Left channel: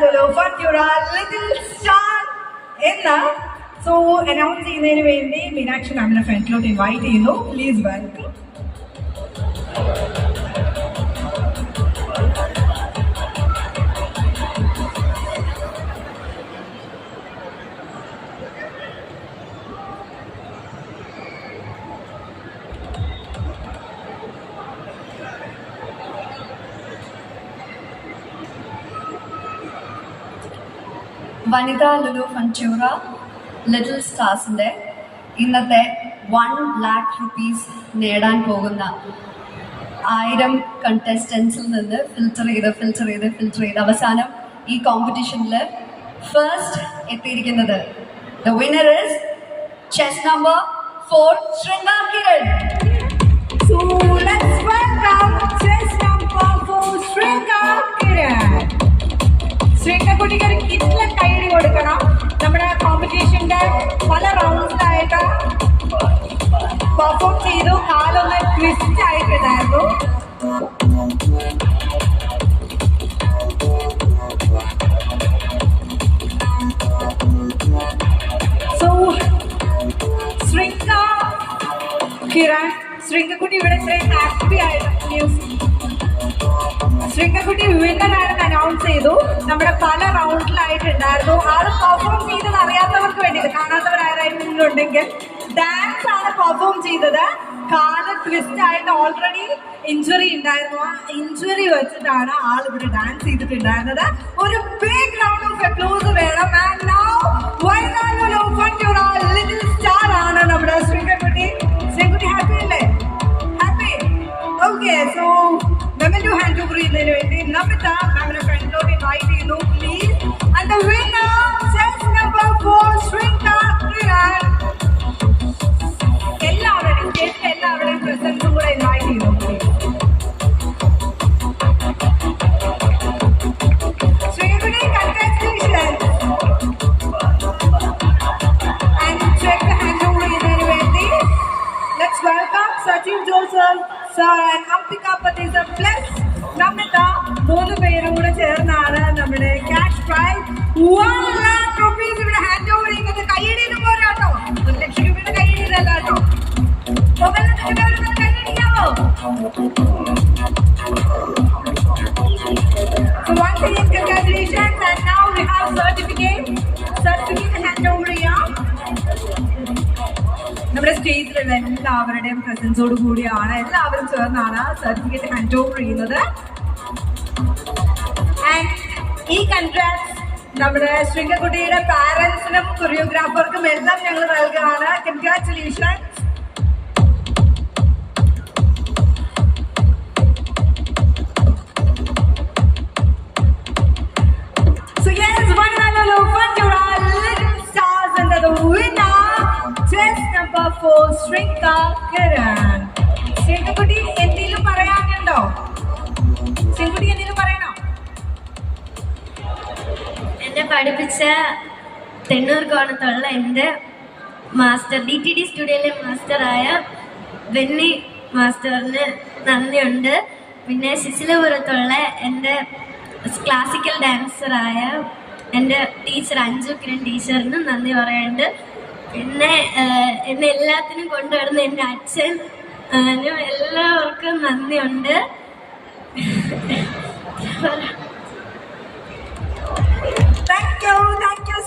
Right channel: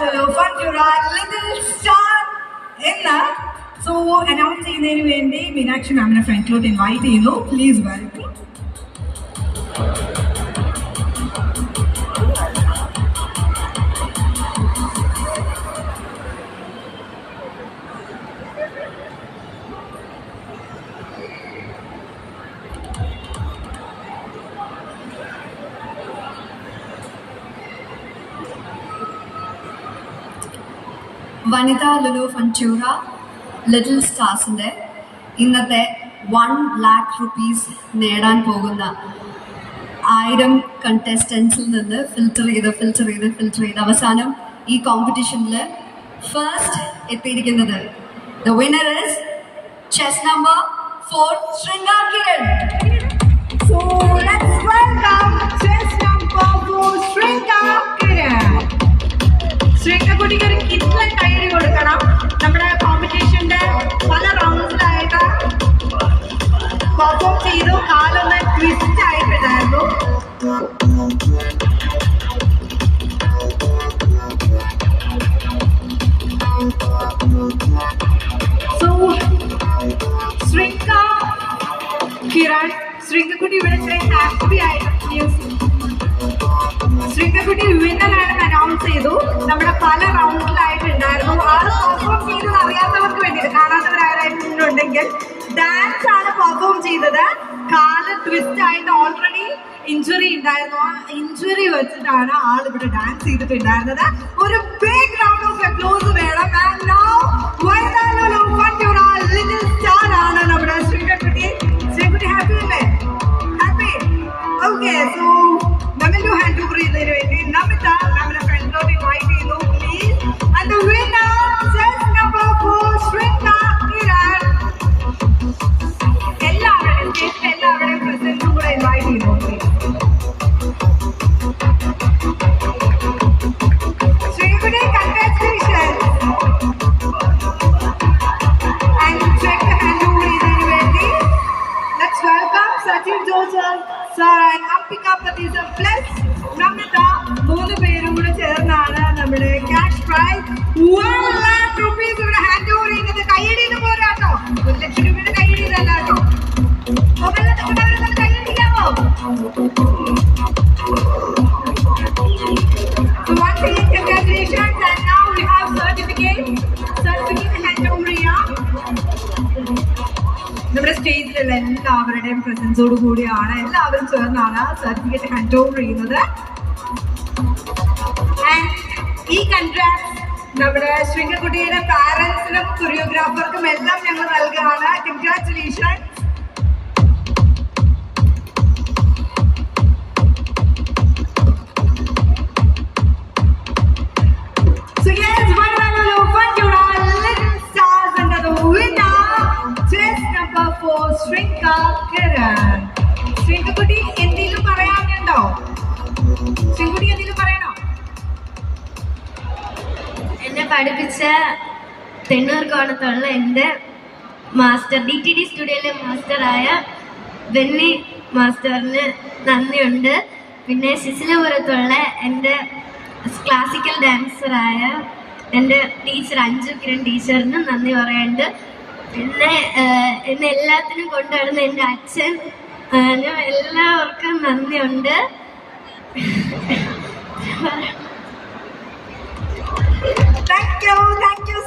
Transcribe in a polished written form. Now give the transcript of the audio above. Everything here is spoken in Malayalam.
Lulu Fantura Little Star എന്ന് സോ അനൗൺസ് ചെയ്യുന്നതിന് വേണ്ടി മീനാക്ഷി മാമിനെ ഫ്രണ്ടിലോട്ട് ഇൻവൈറ്റ് ചെയ്യുന്നു. Please welcome. Vanitha Lulu Fantura little സ്റ്റാർസിൻ്റെ ഇന്നത്തെ 1 lakh rupees നേടാൻ പോകുന്ന 1000 കണ്ടസ്റ്റൻസിൽ നിന്ന് ഫിൽറ്റർ ചെയ്ത് അവസാനം ഈ കോമ്പറ്റീഷനിൽ ഫസ്റ്റ് എത്തിയിരിക്കുന്നത് the winner is chess number 4 Shringa Kiran. So let's welcome chess number 4 Shringa Kiran. Shringa കുട്ടിക്ക് ഒരു കിഡ്ലൻ കൈയടി കൊടുക്കണം. നമ്മുടെ കോമ്പറ്റീഷന്റെ പല റൗണ്ട്സിലായിട്ട് പെർഫോം ചെയ്തു. കാലൊന്ന് ട്വിസ്റ്റ് ആയിട്ടുണ്ടായിരുന്നു. സോ ശൃംഗ കിരൺ, ശൃംഗക്കുട്ടി ഇവിടെ ഇത്രയും ഹാപ്പി ആയിട്ട് ശൃംഗക്കുട്ടി വിന്നറാണെന്ന് അനൗൺസ് ചെയ്തു. നമ്മുടെ പല റൗണ്ടിലായിട്ടുണ്ടായിരുന്നു. ആള് പെർഫോം ചെയ്തത് അറിയാത്തവർക്ക് വേണ്ടിയിട്ട്, കാണാത്തവരായിട്ടുണ്ടെങ്കിൽ ഡാൻസ് ആണ് പെർഫോം ചെയ്തത്. കാല് ട്വിസ്റ്റ് ആയിട്ട് ഓൾറെഡി ഇഞ്ചുറി ഉണ്ടായിരുന്നു. ആ ഇഞ്ചുറി വെച്ചിട്ടാണ് ആൾ ഇവിടെ ഡാൻസ് ചെയ്തിട്ടുണ്ടായിരുന്നത്. ഒരു ബിഗ് റൗണ്ട് ഓഫ് അപ്ലോസ് വേണം. And now Vanitha Lulu Fantura little star ആണ് നമ്മുടെ ശൃംഗക്കുട്ടി. ശൃംഗക്കുട്ടി ഹാപ്പി അല്ലേ? ഹാപ്പി. ഓക്കെ, സോ നമ്മന്റെ ഹാൻഡ് ഓവർ ചെയ്യുന്നതിന് വേണ്ടി നമിത നമ്മുടെ ഫ്രണ്ടിലോട്ട് ഇൻവൈറ്റ് ചെയ്യുന്നു please. And the winner chess number 4 Shringa Kiran. എല്ലാവരുടെയും സ്റ്റേജിൽ എല്ലാവരുടെയും പ്രസൻസും കൂടെ ഇൻവൈറ്റ് ചെയ്യുന്നു പ്ലീസ്. ശൃംഗക്കുട്ടി, congratulation. And check hand over ചെയ്യുന്നതിന് വേണ്ടി let's welcome Sachin Joseph sir and Ambika പതീസർ പ്ലസ് നമിത. 3 പേരും കൂടെ ചേർന്നാണ് നമ്മുടെ ക്യാഷ് പ്രൈസ് 1 lakh rupees ഇവിടെ ഹാൻഡ് ഓവർ ചെയ്യുന്നത്. കൈയടിയിട്ട് പോരാട്ടോ, 1 ലക്ഷം രൂപയുടെ കൈയടിയിലല്ല കേട്ടോ. കൈയടിക്കാമോ? So once again congratulations, and now we have certificate hand over ചെയ്യാം. നമ്മുടെ സ്റ്റേജിലുള്ള എല്ലാവരുടെയും പ്രസൻസോട് കൂടിയാണ്, എല്ലാവരും ചേർന്നാണ് സർട്ടിഫിക്കറ്റ് ഹാൻഡ് ഓവർ ചെയ്യുന്നത്. ആൻഡ് ഈ കൺഗ്രാറ്റ്സ് നമ്മുടെ ശൃംഗക്കുട്ടിയുടെ പാരൻസിനും കൊറിയോഗ്രാഫർക്കും എല്ലാം ഞങ്ങൾ നൽകുകയാണ്. Congratulation. So yes, Vanita Lulu Fantura Little Stars under the winner chess number 4 Shringa Kiran. ശൃംഗക്കുട്ടി എന്തെങ്കിലും പറയാനുണ്ടോ? ശൃംഗക്കുട്ടി എന്തെങ്കിലും പറയണോ? എന്നെ പഠിപ്പിച്ച തെണ്ണൂർ കോണത്തുള്ള എൻ്റെ മാസ്റ്റർ DTD സ്റ്റുഡിയോയിലെ മാസ്റ്ററായ ബെന്നി മാസ്റ്ററിന് നന്ദിയുണ്ട്. പിന്നെ ശിശിലപുരത്തുള്ള എൻ്റെ ക്ലാസിക്കൽ ഡാൻസറായ എൻ്റെ ടീച്ചർ അഞ്ജു കിരൺ ടീച്ചറിന് നന്ദി പറയുന്നുണ്ട്. പിന്നെ എന്നെ എല്ലാത്തിനും കൊണ്ടുവരുന്ന എൻ്റെ അച്ഛനും എല്ലാവർക്കും നന്ദിയുണ്ട്.